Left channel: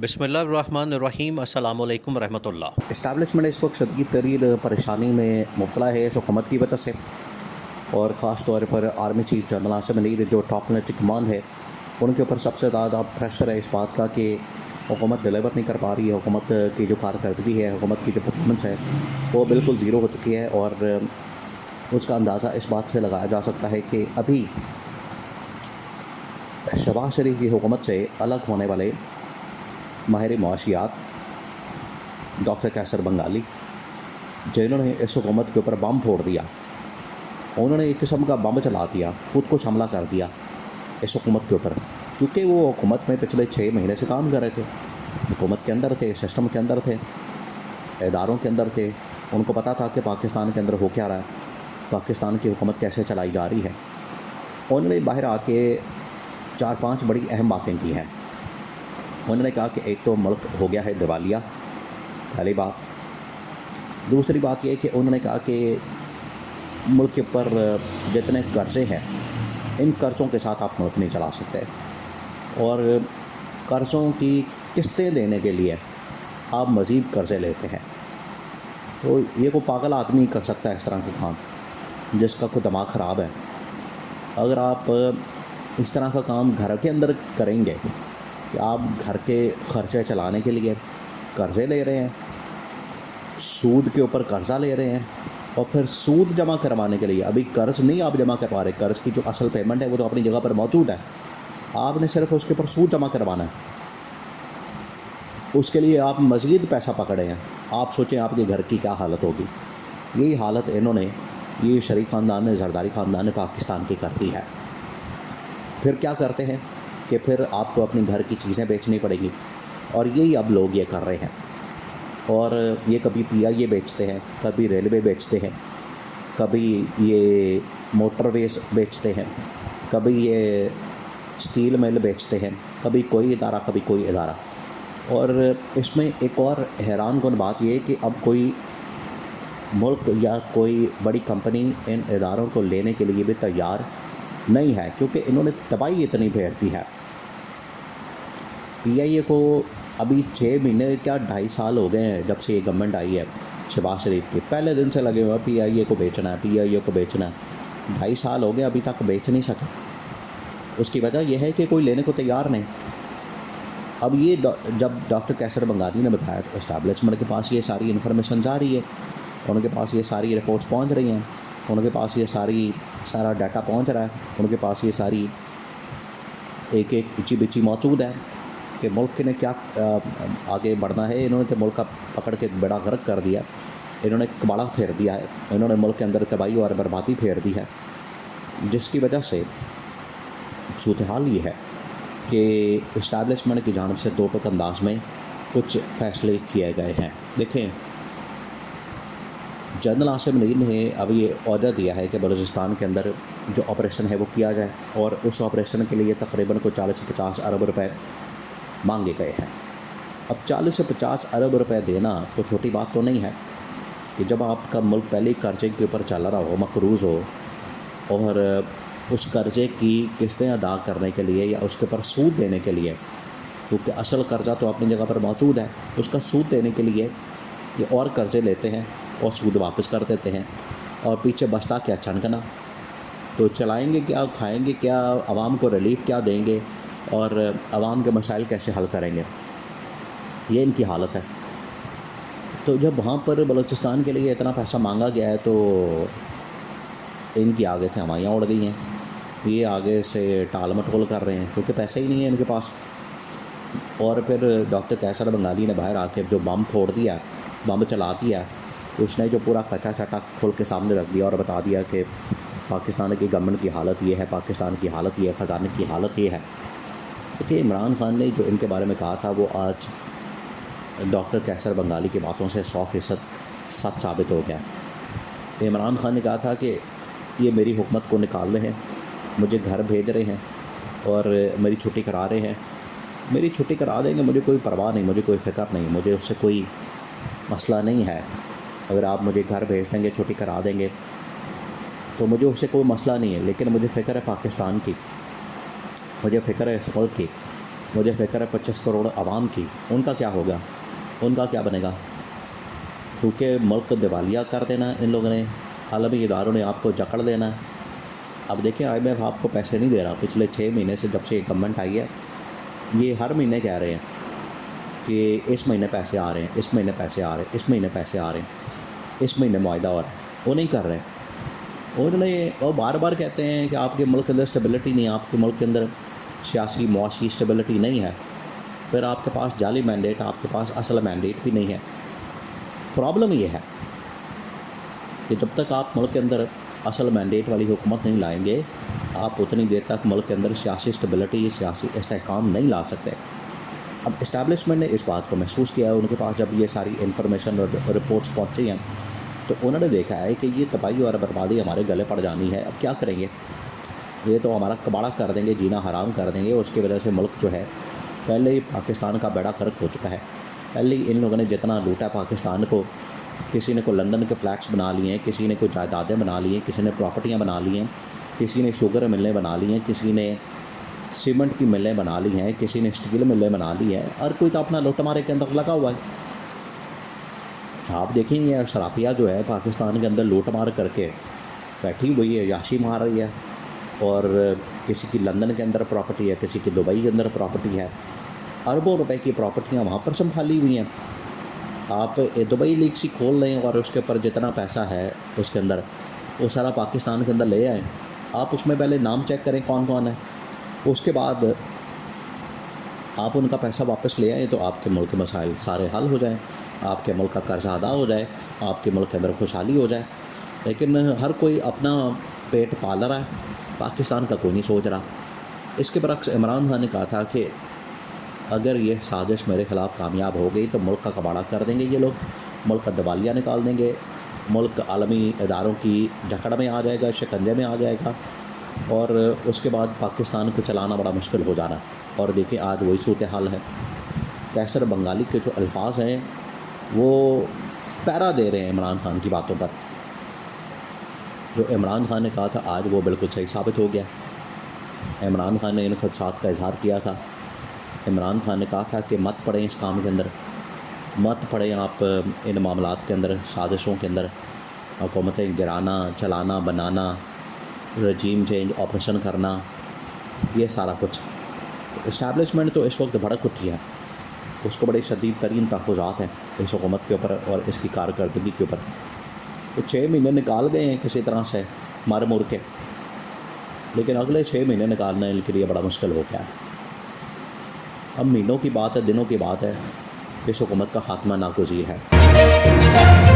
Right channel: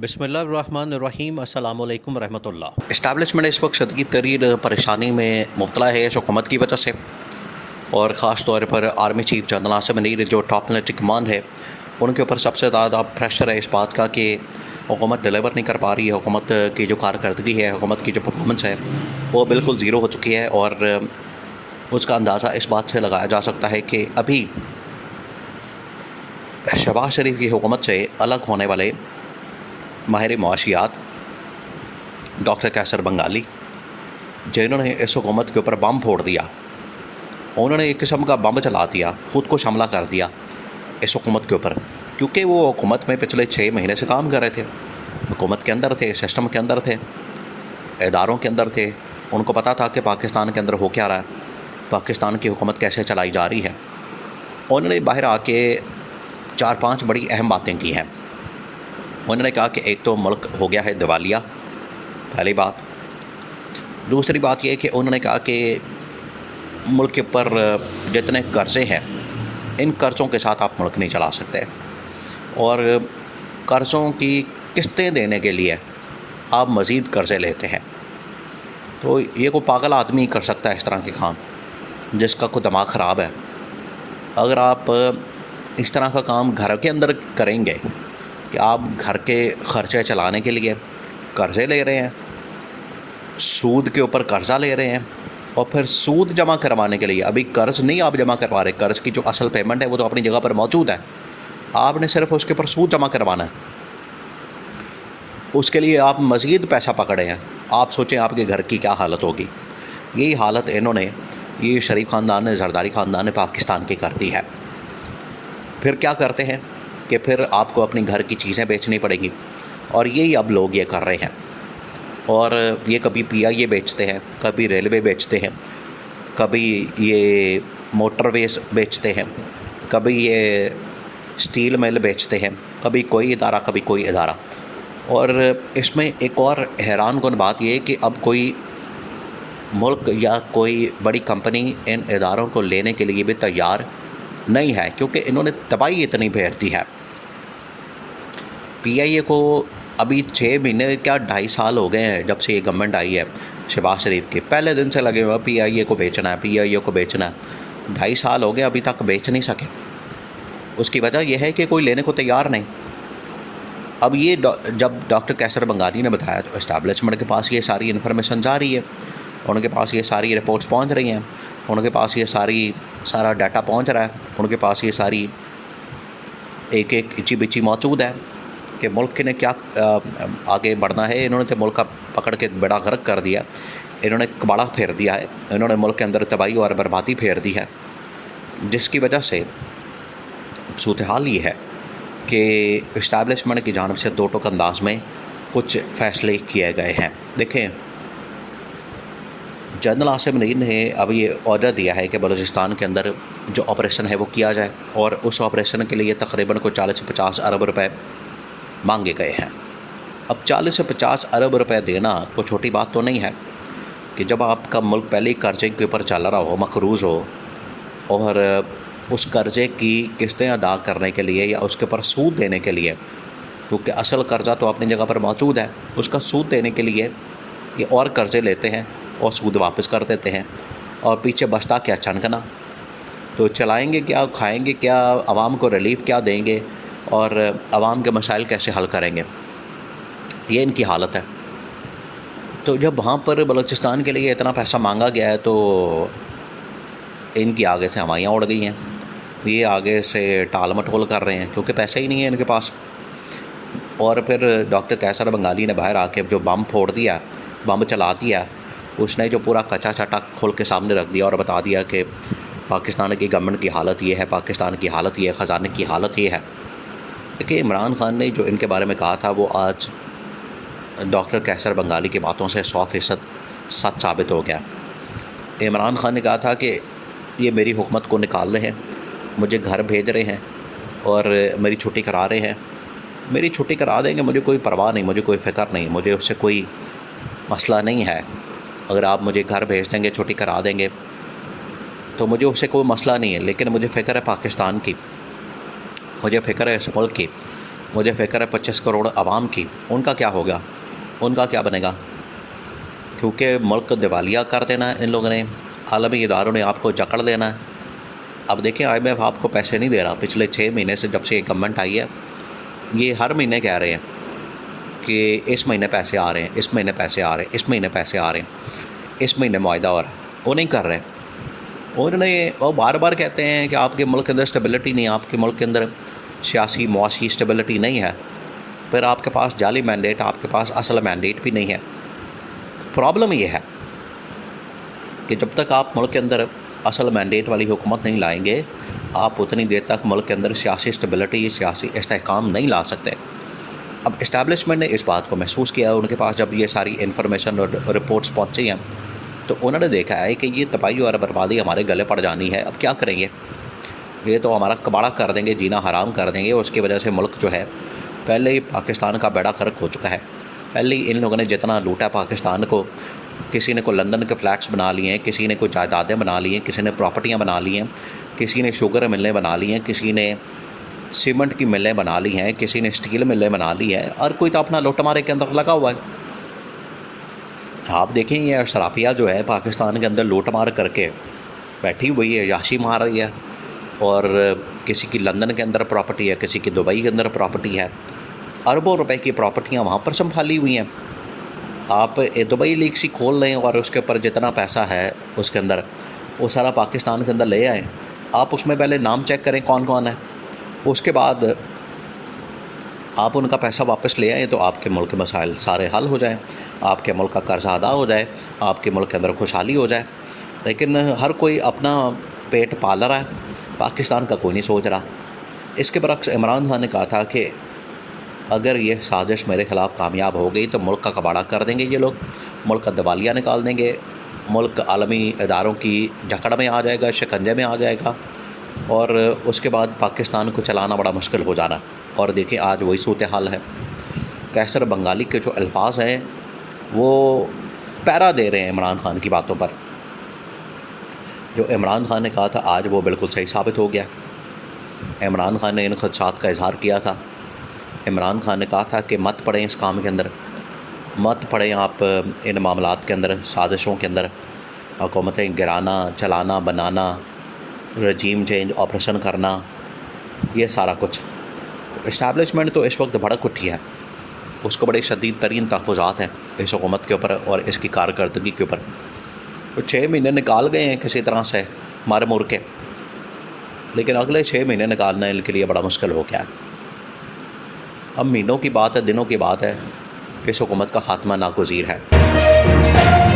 बिस्मिल्लाहिर्रहमानिर्रहीम अस्सलामु अलैकुम रहमतुल्लाह। इस्टेब्लिशमेंट इस वक्त शदीद तरीन परेशानी में मुब्तला है इस हुकूमत की वजह से, और ख़ास तौर पर army chief general Asim Munir जो टॉप मिलिट्री कमांड है उनके ऊपर सबसे ज़्यादा प्रेशर है इस बात का कि हुकूमत डिलीवर नहीं कर पा रही है। हुकूमत की जो कारकर्दगी है, हुकूमत की जो परफॉर्मेंस है वो बिल्कुल ज़ीरो हो चुकी है। और उसका अंदाज़ा इस बात से लगाया जा सकता है कि अभी शहबाज शरीफ की हुकूमत से अलग होने वाले माहिर मुआशियात डॉक्टर कैसर बंगाली, जिन्होंने इस हुकूमत के ऊपर बम फोड़ दिया, उन्होंने एक किस्म का बम चला दिया, ख़ुद को हमला कर दिया इस हुकूमत के ऊपर, क्योंकि वो हुकूमत में पिछले 6 महीने से काम कर रहे थे, हुकूमत के अंदर थे, सिस्टम के अंदर थे, इदारों के अंदर थे। उनको पता था कि पाकिस्तान के अंदर हो क्या रहा है, पाकिस्तान की हुकूमत कैसे चलाई जा रही है। उन्होंने बाहर आके 4-5 बड़ी अहम बातें की हैं। उन्होंने कहा कि एक तो मुल्क हो गया है दिवालिया, पहली बात। दूसरी बात यह कि उन्होंने कहा कि मुल्क के ऊपर जितने कर्ज़े हैं, इन कर्ज़ों के साथ आप मुल्क नहीं चला सकते, और कर्ज़ों की किस्तें देने के लिए आप मज़ीद कर्ज़े लेते हैं। तो ये कोई पागल आदमी कर सकता है इस तरह के काम, जिसका कोई दिमाग ख़राब है। अगर आप इस तरह का काम घर के अंदर करेंगे कि आप घर के ख़र्चे चलाने के लिए कर्ज़े ले रहे हैं, सूद के ऊपर कर्ज़ा ले रहे हैं, और फिर सूद जमा करवाने के लिए अभी कर्ज़ नहीं आप जमा करवा रहे, कर्ज़ की जो असल पेमेंट है वो तो अपनी जगह पर मौजूद है, आपने सिर्फ उसके ऊपर सूद जमा करवाना है। उसके लिए आप मज़ीद पैसा पकड़े हैं। आप सोचें आपके घर की क्या हालत होगी। यही हालत इन्होंने, ये शरीफ ख़ानदान ने, जरदारी ख़ानदान ने पाकिस्तान की कर दी है। फिर क्या करते हैं कि फिर आपको अपनी घर की चीज़ें बेचनी पड़ेगी, और यही अब लोग ये कर रहे हैं। और ये कभी पीआईए बेचते हैं, कभी रेलवे बेचते हैं, कभी ये मोटरवेज बेचते हैं, कभी ये स्टील मिल बेचते हैं, कभी कोई इदारा, कभी कोई इदारा। और इसमें एक और हैरानकुन बात ये है कि अब कोई मुल्क या कोई बड़ी कंपनी इन इदारों को लेने के लिए भी तैयार नहीं है, क्योंकि इन्होंने तबाही इतनी भेज दी है। पीआईए को अभी 6 महीने क्या 2.5 साल हो गए हैं जब से ये गवर्नमेंट आई है शहबाज शरीफ के, पहले दिन से लगे हुए पीआईए को बेचना है, पीआईए को बेचना है। 2.5 साल हो गए, अभी तक बेच नहीं सके। उसकी वजह यह है कि कोई लेने को तैयार नहीं। अब ये जब डॉक्टर कैसर बंगाली ने बताया तो इस्टेब्लिशमेंट के पास ये सारी इन्फॉर्मेशन जा रही है, उनके पास ये सारी रिपोर्ट्स पहुंच रही हैं, उनके पास ये सारा डाटा पहुंच रहा है, उनके पास ये सारी एक इची बिची मौजूद है कि मुल्क ने क्या आगे बढ़ना है। इन्होंने तो मुल्क का पकड़ के बेड़ा गर्क कर दिया, इन्होंने कबाड़ा फेर दिया है, इन्होंने मुल्क के अंदर तबाही और बर्बादी फेर दी है, जिसकी वजह से सूरत हाल ये है कि इस्टेब्लिशमेंट की जानिब से दो टोक अंदाज में कुछ फ़ैसले किए गए हैं। देखें, जनरल आसिम मुनीर ने अब ये ऑर्डर दिया है कि बलूचिस्तान के अंदर जो ऑपरेशन है वो किया जाए, और उस ऑपरेशन के लिए तकरीबन को 40 से 50 अरब रुपए मांगे गए हैं। अब 40 से 50 अरब रुपए देना कोई छोटी बात तो नहीं है कि जब आपका मुल्क पहले ही कर्जे के ऊपर चल रहा हो, मकरूज़ हो, और उस कर्ज़े की किस्तें अदा करने के लिए या उसके ऊपर सूद देने के लिए, क्योंकि असल कर्ज़ा तो अपनी जगह पर मौजूद है, उसका सूद देने के लिए ये और कर्ज़े लेते हैं और सूद वापस कर देते हैं, और पीछे बचता क्या, चनकना। तो चलाएंगे क्या, खाएंगे क्या, आवाम को रिलीफ क्या देंगे, और आवाम के मसाइल कैसे हल करेंगे, ये इनकी हालत है। तो जब वहाँ पर बलूचिस्तान के लिए इतना पैसा मांगा गया है तो इनकी आगे से हवाइयाँ उड़ गई हैं, ये आगे से टाल मटोल कर रहे हैं, क्योंकि पैसे ही नहीं है इनके पास। और फिर डॉक्टर कैसर बंगाली ने बाहर आके जो बम फोड़ दिया, बम चला दिया, उसने जो पूरा कच्चा चाटा खोल के सामने रख दिया और बता दिया कि पाकिस्तान की गवर्नमेंट की हालत ये है, पाकिस्तान की हालत ये है, ख़जाने की हालत ये है। देखिए, इमरान ख़ान ने जो इनके बारे में कहा था वो आज डॉक्टर कैसर बंगाली की बातों से 100% सच साबित हो गया। इमरान ख़ान ने कहा था कि ये मेरी हुकूमत को निकाल रहे हैं, मुझे घर भेज रहे हैं और मेरी छुट्टी करा रहे हैं। मेरी छुट्टी करा देंगे, मुझे कोई परवाह नहीं, मुझे कोई फ़िक्र नहीं, मुझे उससे कोई मसला नहीं है। अगर आप मुझे घर भेज देंगे, छुट्टी करा देंगे, तो मुझे उससे कोई मसला नहीं है। लेकिन मुझे फ़िक्र है पाकिस्तान की, मुझे फ़िक्र है इस मुल्क की, मुझे फ़िक्र है 25 करोड़ आवाम की, उनका क्या होगा, उनका क्या बनेगा? क्योंकि मुल्क दिवालिया कर देना है इन लोगों ने, आलमी इदारों ने आपको जकड़ लेना है। अब देखिए IMF आपको पैसे नहीं दे रहा। पिछले 6 महीने से जब से ये गवर्नमेंट आई है, ये हर महीने कह रहे हैं कि इस महीने पैसे आ रहे हैं, इस महीने पैसे आ रहे हैं, इस महीने पैसे आ रहे हैं, इस महीने मुआहदा हो रहा है। वो नहीं कर रहे। उन्होंने वो बार बार कहते हैं कि आपके मुल्क के अंदर स्टेबिलिटी नहीं है, आपके मुल्क के अंदर सियासी मुआशी स्टेबिलिटी नहीं है, फिर आपके पास जाली मैंडेट, आपके पास असल मैंडेट भी नहीं है। प्रॉब्लम ये है कि जब तक आप मुल्क के अंदर असल मैंडेट वाली हुकूमत नहीं लाएंगे, आप उतनी देर तक मुल्क के अंदर सियासी स्टेबिलिटी, सियासी इस्तेहकाम नहीं ला सकते। अब इस्टेब्लिशमेंट ने इस बात को महसूस किया। उनके पास जब ये सारी इन्फॉर्मेशन और रिपोर्ट्स पहुँची हैं, तो उन्होंने देखा है कि ये तबाही और बर्बादी हमारे गले पड़ जानी है। अब क्या करेंगे? ये तो हमारा कबाड़ा कर देंगे, जीना हराम कर देंगे। उसकी वजह से मुल्क जो है, पहले ही पाकिस्तान का बेड़ा गर्क हो चुका है। पहले ही इन लोगों ने जितना लूटा पाकिस्तान को, किसी ने को लंदन के फ्लैट्स बना लिए हैं, किसी ने को जायदादें बना ली हैं, किसी ने प्रॉपर्टियाँ बना ली हैं, किसी ने शुगर मिलें बना ली हैं, किसी ने सीमेंट की मिलें बना ली हैं, किसी ने स्टील मिलें बना ली हैं, और कोई तो अपना लुटमारे के अंदर लगा हुआ है। आप देखें ये अशराफिया जो है पाकिस्तान के अंदर लूटमार करके बैठी हुई है, याशी मार रही है। और किसी की लंदन के अंदर प्रॉपर्टी है, किसी की दुबई के अंदर प्रॉपर्टी है, अरबों रुपए की प्रॉपर्टियाँ वहाँ पर संभाली हुई हैं। आप दुबई लीक्स ही खोल लें और उसके ऊपर जितना पैसा है उसके अंदर, वो सारा पाकिस्तान के अंदर ले आएँ। आप उसमें पहले नाम चेक करें कौन कौन है, उसके बाद आप उनका पैसा वापस ले आएँ, तो आपके मुल्क के मसाइल सारे हल हो जाएं, आपके मुल्क का कर्जा अदा हो जाए, आपके मुल्क के अंदर खुशहाली हो जाए। लेकिन हर कोई अपना पेट पाल रहा है, पाकिस्तान का कोई नहीं सोच रहा। इसके बरक्स इमरान खान ने कहा था कि अगर ये साजिश मेरे ख़िलाफ़ कामयाब हो गई तो मुल्क का कबाड़ा कर देंगे ये लोग, मुल्क का दिवालिया निकाल देंगे, मुल्क आलमी इदारों की जकड़ में आ जाएगा, शिकंजे में आ जाएगा, और उसके बाद पाकिस्तान को चलाना बड़ा मुश्किल हो जाना। और देखिए आज वही सूरत हाल है। कैसर बंगाली के जो अल्फाज हैं वो पैरा दे रहे हैं इमरान खान की बातों पर। जो इमरान खान ने कहा था आज वो बिल्कुल सही साबित हो गया। इमरान खान ने इन खदशात का इजहार किया था। इमरान खान ने कहा था कि मत पड़ें इस काम के अंदर, मत पड़ें आप इन मामलात के अंदर, साजिशों के अंदर, हुकूमतें गिराना, चलाना, बनाना, रजीम चेंज, ऑपरेशन करना, ये सारा कुछ। इस्टेब्लिशमेंट तो इस वक्त भड़क उठी है, उसको बड़े शदीद तरीन तहफ़्फ़ुज़ात हैं इस हुकूमत के ऊपर और इसकी कारकर्दगी के ऊपर। तो 6 महीने निकाल गए हैं किसी तरह से मारे मुर के, लेकिन अगले 6 महीने निकालना इनके लिए बड़ा मुश्किल हो गया है। अब महीनों की बात है, दिनों की बात है, इस हुकूमत का ख़ात्मा नागुज़ीर है।